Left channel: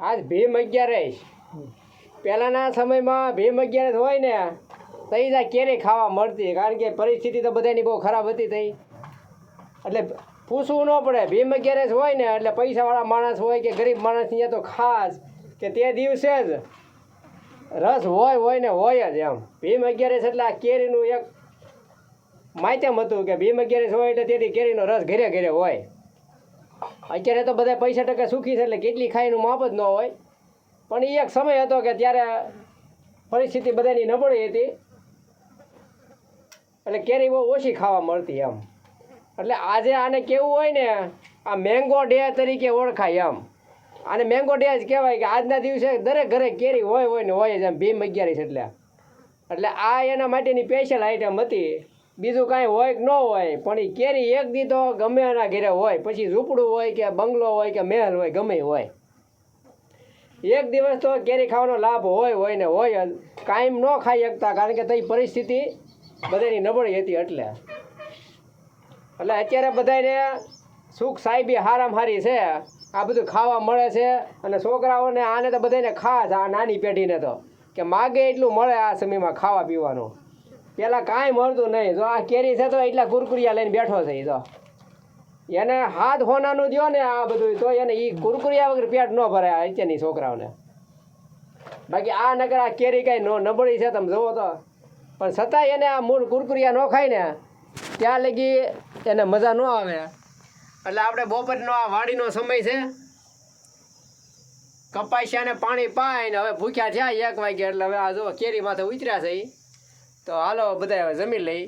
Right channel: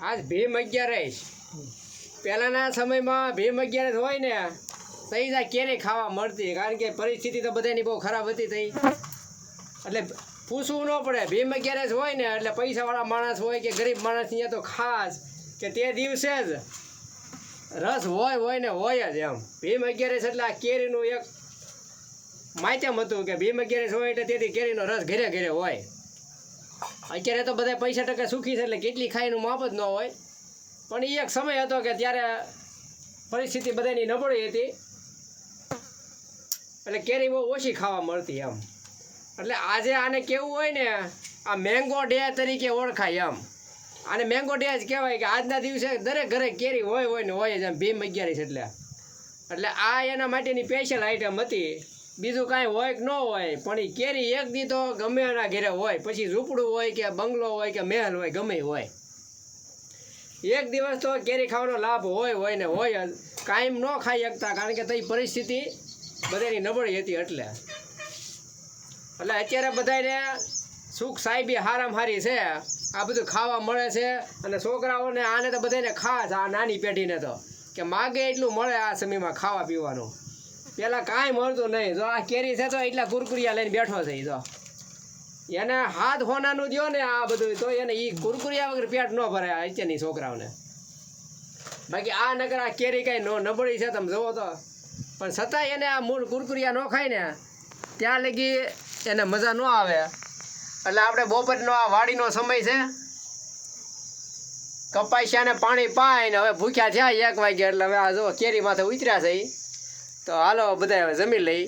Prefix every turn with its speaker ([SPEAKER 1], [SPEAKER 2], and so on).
[SPEAKER 1] આજ ભીમ અગિયારસ પહેલાંના સમયમાં ભીમ અગિયારસ હોય ને, તઈ જ કેરી ખાવા મળતી, કારણ કે પરિસ્થિતિ તો બધાની બહુ ખરાબ હતી તઈ. એટલે પૂછવું ન પડે, ભીમ અગિયારસ હોય ને, એટલે પૈસાવાળા માણસ હોય કે ગરીબ માણસ ત્યાં તો ખાસ કે તે દિવસે જ રસ હોય હોય ને હોય જ એમ. ભીમ અગિયારસ એટલે આ કેરીનું એક માધ્યમ હતું કે ભીમ અગિયારસ હોય એટલે તેથી કેરીનો રસ ઘરે ઘરે હોય. અત્યારે તો બધા પૈસા ટકા સુખી છે એટલે કેટલી ખાઈનું માપ જ ન હોય. પણ એ એક સમય હતો કે ત્યારે પરિસ્થિતિ બધાની નબળી હતી. એટલે કેરી બહુ ઓછી ખાવા મળતી એમ. એટલે આજે આને કેવું હોય ને, આ મેંગો ડે તરીકે ઓળખાય એમ. આને મેંગો ડે જ કહેવાય કે આજના દિવસે દરેક ઘરે કેરી હોય હોય ને હોય જ એમ. ભીમ અગિયારીસ એટલે. એટલે આ એના માટેની સ્પેશિયલ આઈટમ હતી. બીજું કાંઈ હોય કે ન હોય, પણ એ કેરી એક દી તો ગમે એના ઘરે હોય. પછી ઝૂંપડું હોય કે બંગલો હોય કે મહેલ હોય, ગમે હોય. એક દિવસ તો કેરી ખાવાનો લાભ હોય હોય ને હોય જ. કાયમ ન ખાઈ શકતા, કારણ કે તઈ પરિસ્થિતિ બધાની નબળી હતી એટલે. એટલે અત્યારે બધાને સુખ સાહેબી હારામ હારી છે. આ બધું ખાવા મળે છે. અને છોકરાઓને આને તો બધાને ખાસ, આ નાની પેઢીને તો. કે માગે એટલું મળે આ સમયમાં ખાવા પીવાનું. પહેલાં કાંઈ મળતું નહીં. જો આ કેરી છે તો એટલા કુરકુરિયા લઈને બેઠો છે જો. એને હાથ હોનાનું દ્યો ને આ બધું, તો એને એ કુરકુરિયા વગર પેટ ન ભરાય અત્યારની છોકરાઓને. બાકી આ નગર આ કેરી કાંઈ નબળી છે તમે જુઓ તો. પણ છતાંય એને આ મૂળ કુરકુરિયા ન ખાય ને, ત્યાં લગી એને મજા ન આવે. એટલે આપણે બપોરનો આ વાડીનો સમય છે. કપાસિયાને પાણી પાઈને હવે ભૂખ્યા થયા એક વાગ્યા એટલે હવે આ જો કેરી માથે ઉતર્યા છે ઈ. તો હાલો બધા હવે જમી લઈ